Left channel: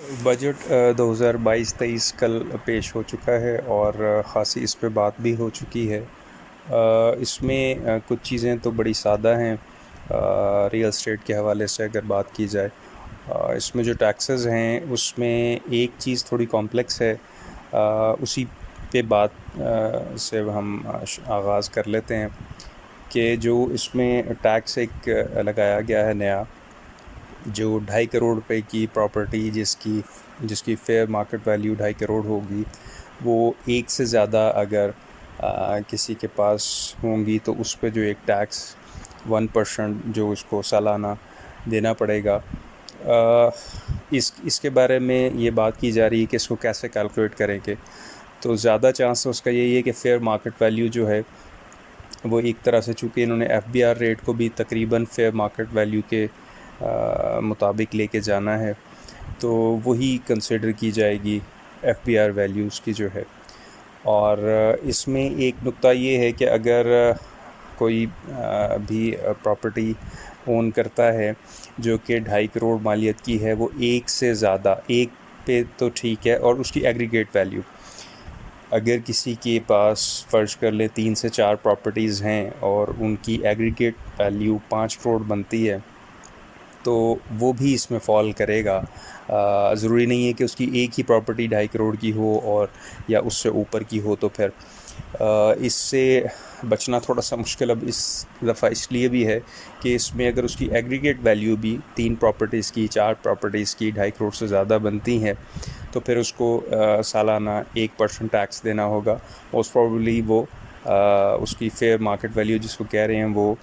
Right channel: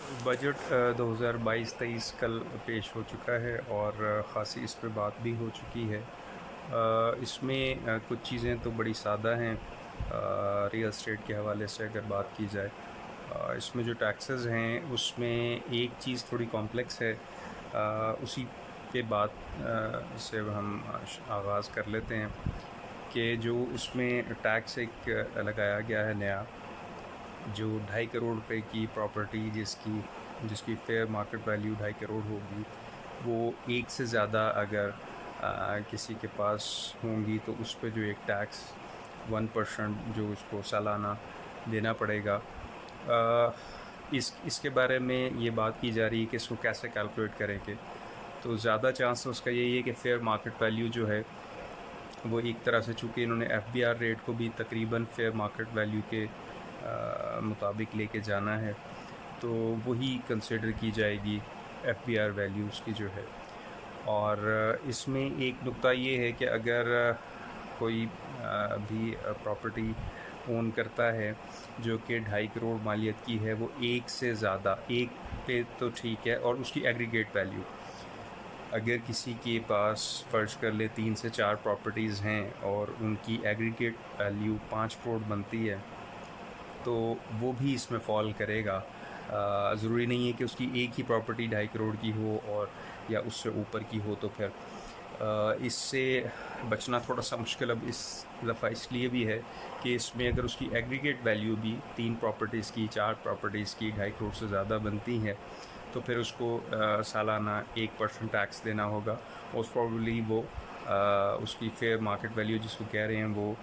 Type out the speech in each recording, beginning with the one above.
Budget 2022-23 कल पेश हो चुका है और ख़ासी इस पे बात भी हो चुकी है। इसमें कुछ चीज़ें तो बड़ी सादा हैं। रियल एस्टेट के हवाले से अगर बात की जाए, इसमें जो टैक्सेस हैं उसमें एक चीज़ थोड़ी कॉम्प्लेक्स है। उसी पे बात से हम आगाज़ कर लेते हैं कि जो इसमें टैक्स एक लगाया गया है नया, जो 2.5 करोड़ रुपए की प्रॉपर्टी जिसकी जिसकी फेयर मार्केट वैल्यू 2.5 करोड़ होगी, वो एक से ज़्यादा अगर किसी के पास होंगी तो उस पे जो एक टैक्स 1% जो उसको सालाना देना पड़ेगा। इसके बारे में ये बात की जा रही है कि इसको कैसे कैलकुलेट करेंगे। तो ज़्यादा चांस उसका यही है कि फेयर मार्केट वैल्यू जो है वो एक तरह से, चूँकि इन्होंने एफबीआर रेट को भी तकरीबन फेयर मार्केट वैल्यू के मुताबिक लेके जाना है, तो वही कंसिडर की जाएगी एफबीआर वैल्यू उसकी जो है। और इसमें एक नुक्ता ये है कि अगर कोई भी प्रॉपर्टी ओन करता है जो कि 2.5 करोड़ मालियत की है, वो एक से ज़्यादा, एक पे तो ठीक है, और उसकी एग्रीगेट वैल्यू, अगर किसी के पास फ़र्ज़ कर ले 3 से 4 प्रॉपर्टीज़ हैं और उनकी एग्रीगेट वैल्यू 5 करोड़ बनती है, तो वो भी इसमें फ़ॉल करेगा। ज़रूरी नहीं है कि उसकी एक ही प्रॉपर्टी 2.5 करोड़ की हो और या उससे ऊपर की हो। तो फिर इससे बचना थोड़ा सा मुश्किल अब इस दफ़ा इसलिए भी है कि इसमें अगर उसकी एग्रीगेट वैल्यू भी 3 प्रॉपर्टीज़ की, 4 प्रॉपर्टीज़ की 2.5 करोड़ से ज़्यादा बनती हैं, तो फिर उसको सालाना 1% टैक्स देना होगा। मोस्ट प्रॉबेबली वो उसकी फेयर मार्केट वैल्यू जिसको कह रहे हैं वो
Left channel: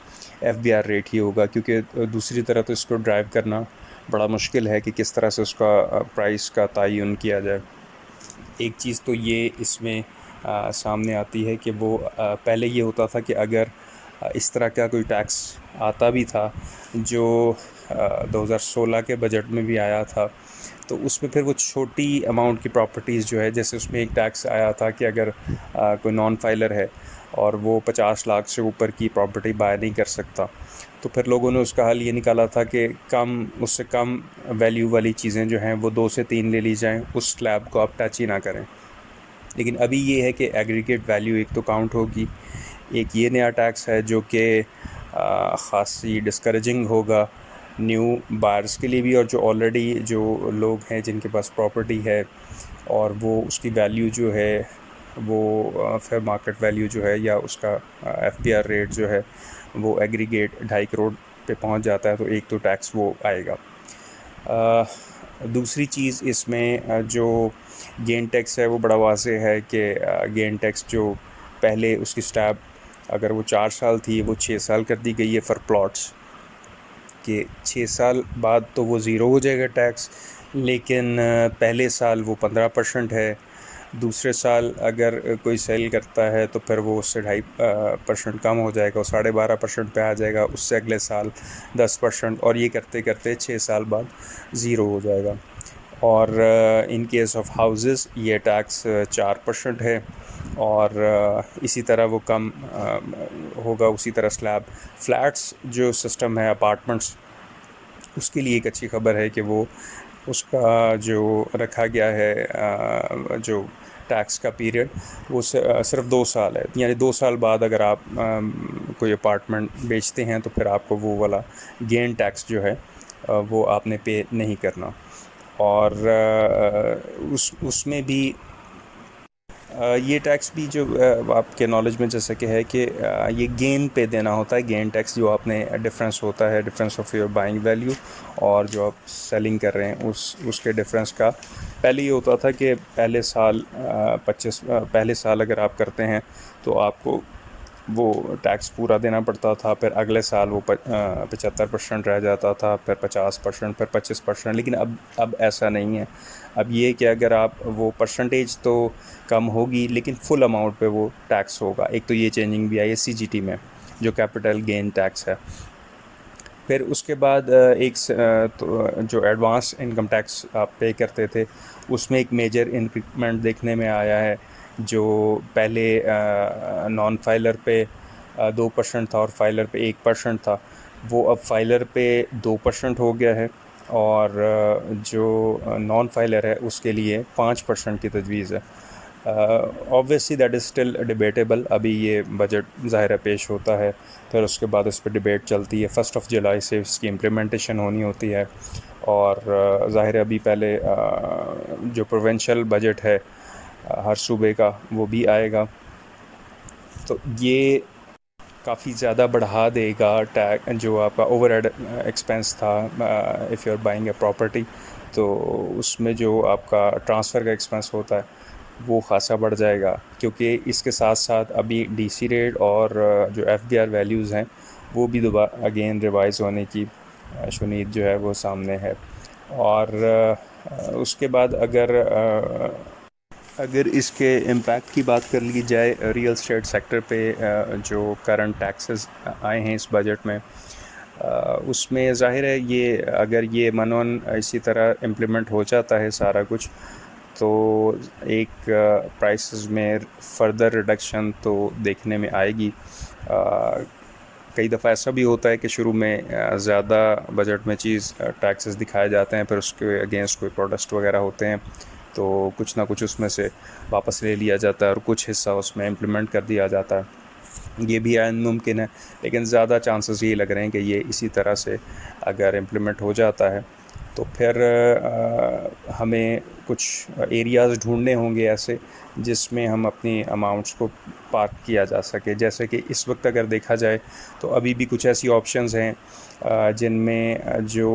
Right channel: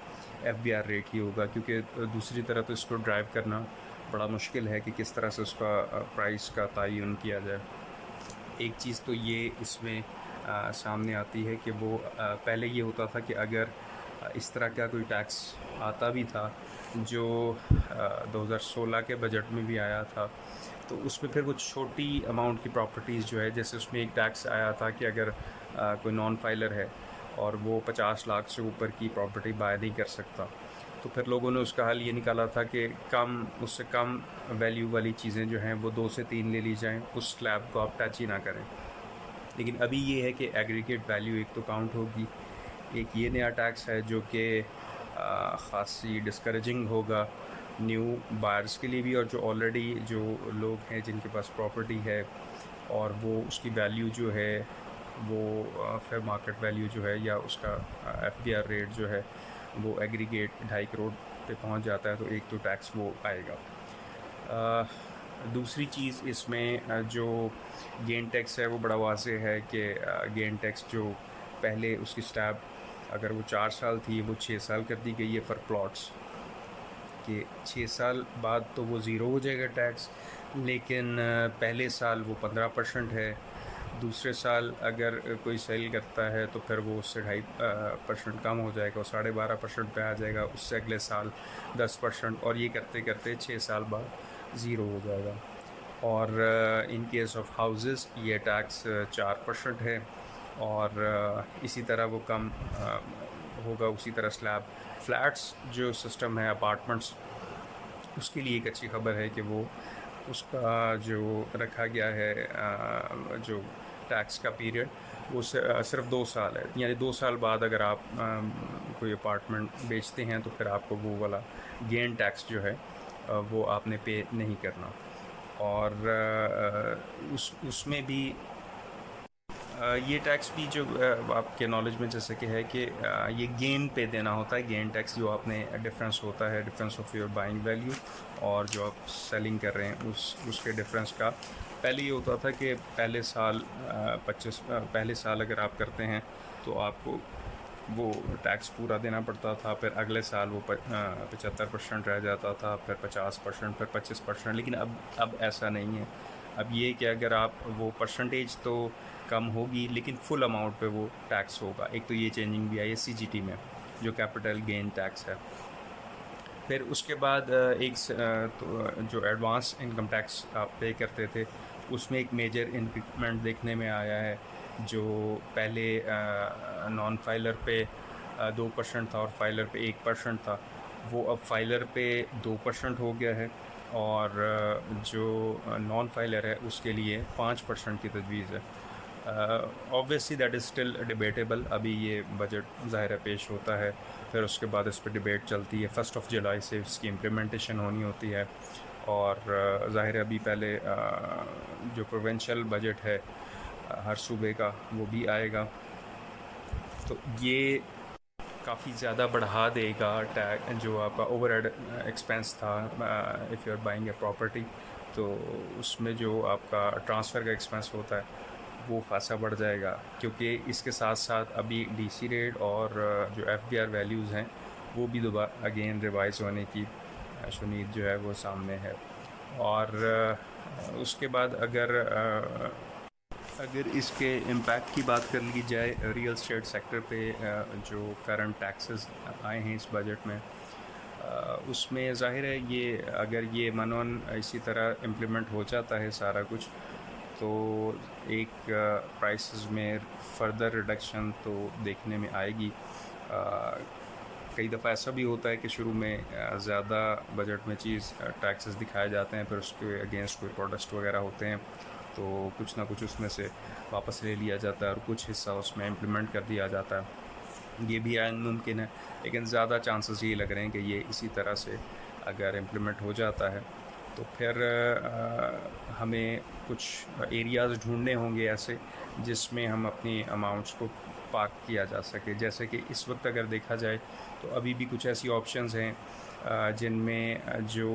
एफबीआर रेट ही होगा, क्योंकि दूसरी तरह तो इसको ड्राइव करना बड़ा मुश्किल है कि किस तरह से उसका प्राइस का तयन किया जाए। एक चीज़ तो ये इसमें सामने आती है कि वो पहले ये होता था कि अगर इस तरह का कोई टैक्स आता भी था, जो 2016 के बजट में भी आया था, तो उसमें फिर वो छोटी अमाउंट की प्रॉपर्टीज़ जो है, जैसे उसमें एक टैक्स आया था कि अगर कोई नॉन फाइलर है और वो 50 लाख से ऊपर की प्रॉपर्टी बाय नहीं कर सकता, तो फिर लोगों ने उसका हल ये निकाला था कि उससे कम वैल्यू वाली चीज़ें जो हैं वो 2 से 3 ले ली जाएं, उस स्लैब को आप टच ही ना करें। लेकिन अभी ये है कि एग्रीगेट वैल्यू एक तो काउंट होगी। एक ये नया टैक्स है जो कि ख़ासी डिस्करेजिंग होगा न्यू बायर्स के लिए भी, और जो ऑलरेडी जो लोग हैं जिनके पास प्रॉपर्टी है और वो उसकी वैल्यू जो है वो फेयर मार्केट वैल्यू जो है या उसका एफबीआर रेट जो है वो एग्रीगेट 2.5 करोड़ पे पहुंच जाता है, तो एक तो टैक्स वो आएगा। दूसरी चीज़ इसमें जो गेन टैक्स है वो बड़ा वाज़ेह है कि गेन टैक्स जो पहले उसकी स्लैब अगर वो 4 साल थी, वो 6 साल कर दी गई है फॉर प्लॉट्स, कि 6 साल बाद तो वो ज़ीरो हो जाएगा टैक्स, लेकिन पहले साल वो 15% है। दूसरे साल अगर कोई सेल करता है तो फिर वो उससे 2.5% कम हो जाएगा, और 12.5% पे आ जाएगा। उससे अगले साल 10%, और ये करते करते 6 साल बाद ज़ीरो हो जाएगा। और इन केस ऑफ हाउसेस ये टैक्स 4% है, और इसी तरह वो कम होगा। उसी तरह स्लैब फ्लैट्स जो सिस्टम है अपार्टमेंट्स, उसके लिए एक अच्छी खबर है कि वो उसका जो रखा गया है जो टैक्स का पीरियड, वो सिर्फ 2 साल है। यानी 2 साल बाद अगर आप कोई अपार्टमेंट बेचते हैं तो फिर आपको वो वाला गेन टैक्स जो है वो आपने पे नहीं करना। और उसमें भी ये टैक्स भी जो आपके नॉलेज में जैसे कि है कि ये गेन पे देना होता है। गेन टैक्स जो आपने डिफरेंस होता है, difference of your buying value और जो आप सेलिंग कर रहे हैं उसके डिफरेंस का। पहले ये होता था कि पहले साल अगर आप करते हैं तो आपको वो टैक्स पूरा देना पड़ता था, फिर अगले साल वो 75% रह जाता था, फिर 50%, फिर 25%। लेकिन अब ऐसा नहीं है। अब ये कि अगर आप वो परसेंटेज तो कम होगी लेकिन फुल अमाउंट पे वो टैक्स होगा। एक तो ये चेंजिंग भी आई है सीजीटी में, जो कैपिटल गेन टैक्स है। फिर उसके बाद तो जो एडवांस इनकम टैक्स आप पे करते थे, उसमें एक मेजर इंक्रीमेंट देखने में आया है। जो पहले नॉन फाइलर पे 2% था और फाइलर पे 1% था, वो अब फाइलर पे 2% हो गया है। और जो नॉन फाइलर है उसके लिए 5% की तजवीज़ है। Obviously that is still debatable. अभी ये बजट ज़ाहिर है पेश होता है, फिर उसके बाद इस पर डिबेट चलती है। 1 जुलाई से इसकी इम्प्लीमेंटेशन होनी होती है, और ज़ाहिर है अभी पहले जो प्रोविंशियल बजट है हर सूबे का वो भी आएगा, तो ये काफ़ी ज़्यादा बढ़ा देगा टैग जो आपका ओवरहेड एक्सपेंस था if you are buying a property. तो उसमें जो आपका ट्रांसफ़र का एक्सपेंस होता है वो ख़ासा बढ़ जाएगा, क्योंकि इसके साथ साथ अभी डीसी रेट और जो एफबीआर वैल्यूज़ हैं वो भी दोबारा अगेन रिवाइज़ होने की शुनीद जो है वो सामने है। और उसके बाद अगर इसके इम्पैक्ट की बात कर ली जाए रियल एस्टेट सेक्टर पे, जो करंट टैक्सेस आए हैं इस बजट में, उसमें ज़ाहिर है ये अगर ये मनोन इसी तरह इम्प्लीमेंट हो जाता है सारा कुछ, तो एक प्राइसेस में फर्दर रिडक्शन तो देखने में आएगी। कई दफ़ा ऐसा भी होता है कि शुरू में ज़्यादा बजट में चीज़ टैक्सेस दिखाए जाते हैं, फिर उसके अगेंस्ट कोई प्रोटेस्ट वगैरह होते हैं, तो कुछ ना कुछ उसमें से वापस ले लिया जाता है और कुछ हिस्सा उसमें इम्प्लीमेंट कर दिया जाता है। ये भी आयन मुमकिन है, लेकिन ज़्यादा चांसेस ये लग रहे हैं कि ये इसी तरह से अगर इम्प्लीमेंट हो जाता है तो फिर हमें कुछ एरियाज़ ढूंढने होंगे ऐसे जिसमें हम अपनी अमाउंट्स को पार्क किया जा सके। जैसे कि इस वक्त अगर देखा जाए तो अभी भी कुछ ऐसी ऑप्शंस हैं जिनमें जो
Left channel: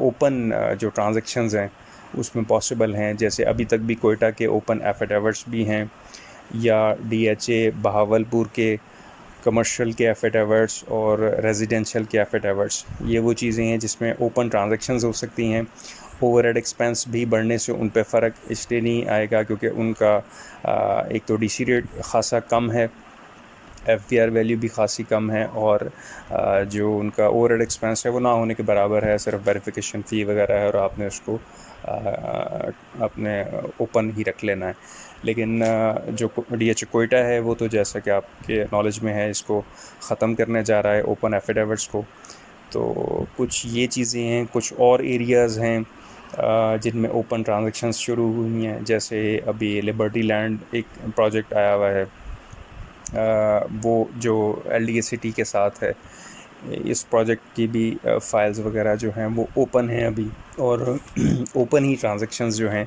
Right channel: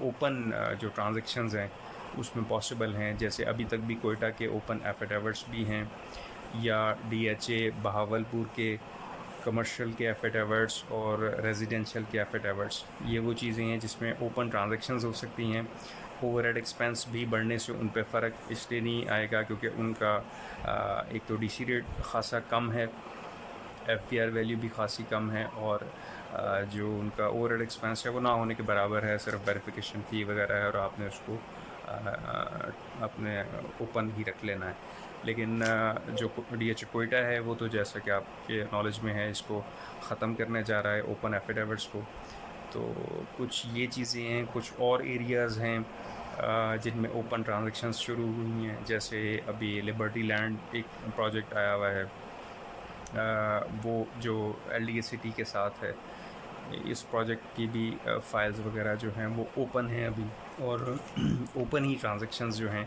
ओपन जो ट्रांजैक्शंस हैं उसमें पॉसिबल हैं। जैसे अभी तक भी कोयटा के ओपन एफिडेविट्स भी हैं, या डीएचए बहावलपुर के कमर्शियल के एफिडेविट्स और रेजिडेंशियल के एफिडेविट्स, ये वो चीज़ें हैं जिसमें ओपन ट्रांजैक्शंस हो सकती हैं। ओवरहेड एक्सपेंस भी बढ़ने से उन पे फ़र्क इसलिए नहीं आएगा क्योंकि उनका एक तो डीसी रेट ख़ासा कम है, एफबीआर वैल्यू भी ख़ासी कम है, और जो उनका ओवरहेड एक्सपेंस है वो ना होने के बराबर है, सिर्फ वेरिफिकेशन फ़ी वगैरह है और आपने उसको अपने ओपन ही रख लेना है। लेकिन जो डीएच कोयटा है वो तो जैसा कि आपके नॉलेज में है इसको ख़त्म करने जा रहा है ओपन एफिडेविट्स को। तो कुछ ये चीज़ें हैं, कुछ और एरियाज़ हैं जिनमें ओपन ट्रांजैक्शंस शुरू हुई हैं। जैसे अभी लिबर्टी लैंड एक प्रोजेक्ट आया हुआ है, वो जो एलडीए सिटी के साथ है। इस प्रोजेक्ट की भी फाइल्स वगैरह जो हैं वो ओपन हैं अभी, और ओपन ही ट्रांजैक्शंस जो हैं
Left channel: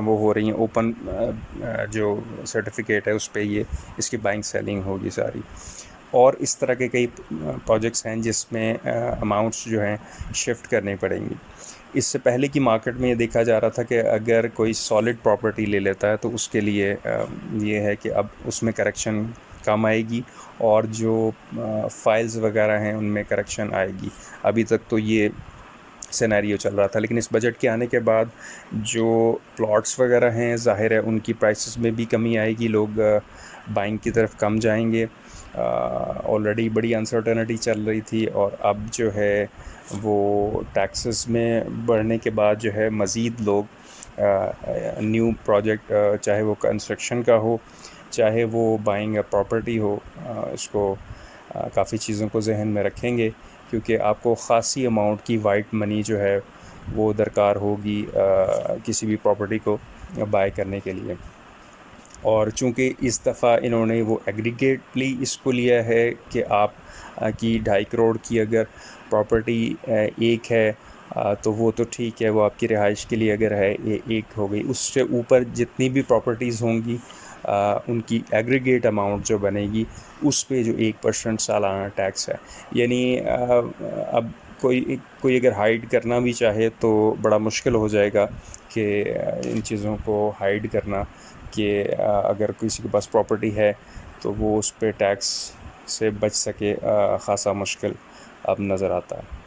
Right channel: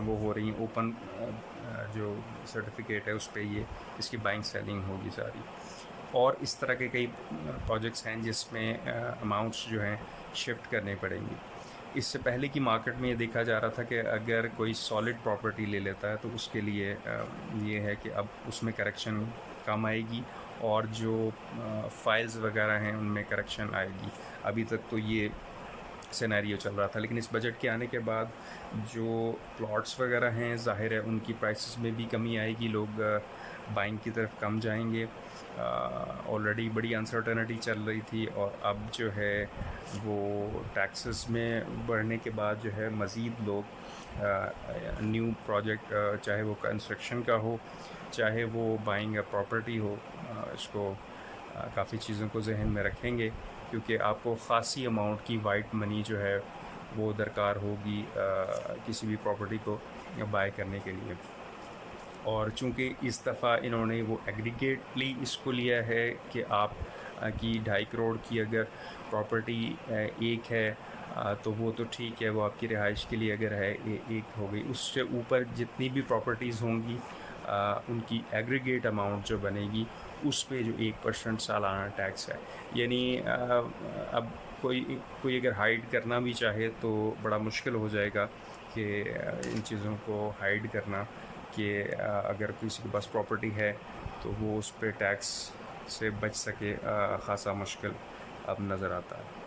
वो हो रही हैं। ओपन जो सर्टिफिकेट है उस पे ये इसकी बाइंग सेलिंग होगी सारी। और इस तरह के कई प्रोजेक्ट्स हैं जिसमें अमाउंट्स जो हैं शिफ्ट करनी पड़ेंगी। इससे पहले की मार्केट में ये देखा जा रहा था कि अगर कोई सॉलिड प्रॉपर्टी ले लेता है तो उसके लिए ये है कि अब उसमें करेक्शन कम आएगी, और जो फाइल्स वगैरह हैं उनमें करेक्शन आएगी। अभी तक तो ये सिनेरियो चल रहा था, लेकिन इस बजट के आने के बाद जो प्लॉट्स वगैरह हैं ज़ाहिर है उनकी प्राइसेस में भी कमी आएगी, लोग बाइंग की तरफ कम जाएंगे। ऑलरेडी बड़ी अनसर्टेनिटी चल रही थी, और अब जो है वो टैक्सेस में बढ़ने के बाद जो है मज़ीद लोग न्यू प्रोजेक्ट, चाहे वो कंस्ट्रक्शन का हो चाहे वो बाइंग अ प्रॉपर्टी हो, इसको काफ़ी चीज़ों को जहन में रखेंगे, क्योंकि आपको ख़ासी अमाउंट की वाइट मनी जो है वो दरकार होगी किसी भी प्रॉपर्टी को बाय करने के लिए। और चूँकि इस दफ़ा इन्होंने वो एग्रीगेटली इसको लिया है कि आप की 2.5 करोड़ की अगर प्रॉपर्टी एक है तो वो तो ठीक है, वो आपकी रिहाइश के लिए अगर है एक हो गई। उससे ऊपर जितनी भी प्रॉपर्टीज़ होंगी उनकी एग्रीगेट अमाउंट जो बनेगी उस पे जो 1% सालाना टैक्स है। यानी अब कोई कोई अगर हाइड करना भी चाहे तो बड़ा मुश्किल हो जाएगा कि इन चीज़ों को हाइड करना, कि अगर किसी के पास प्रॉपर्टी है तो वो उस पे टैक्स से बच सके, ख़ासा मुश्किल अब नज़र आता है।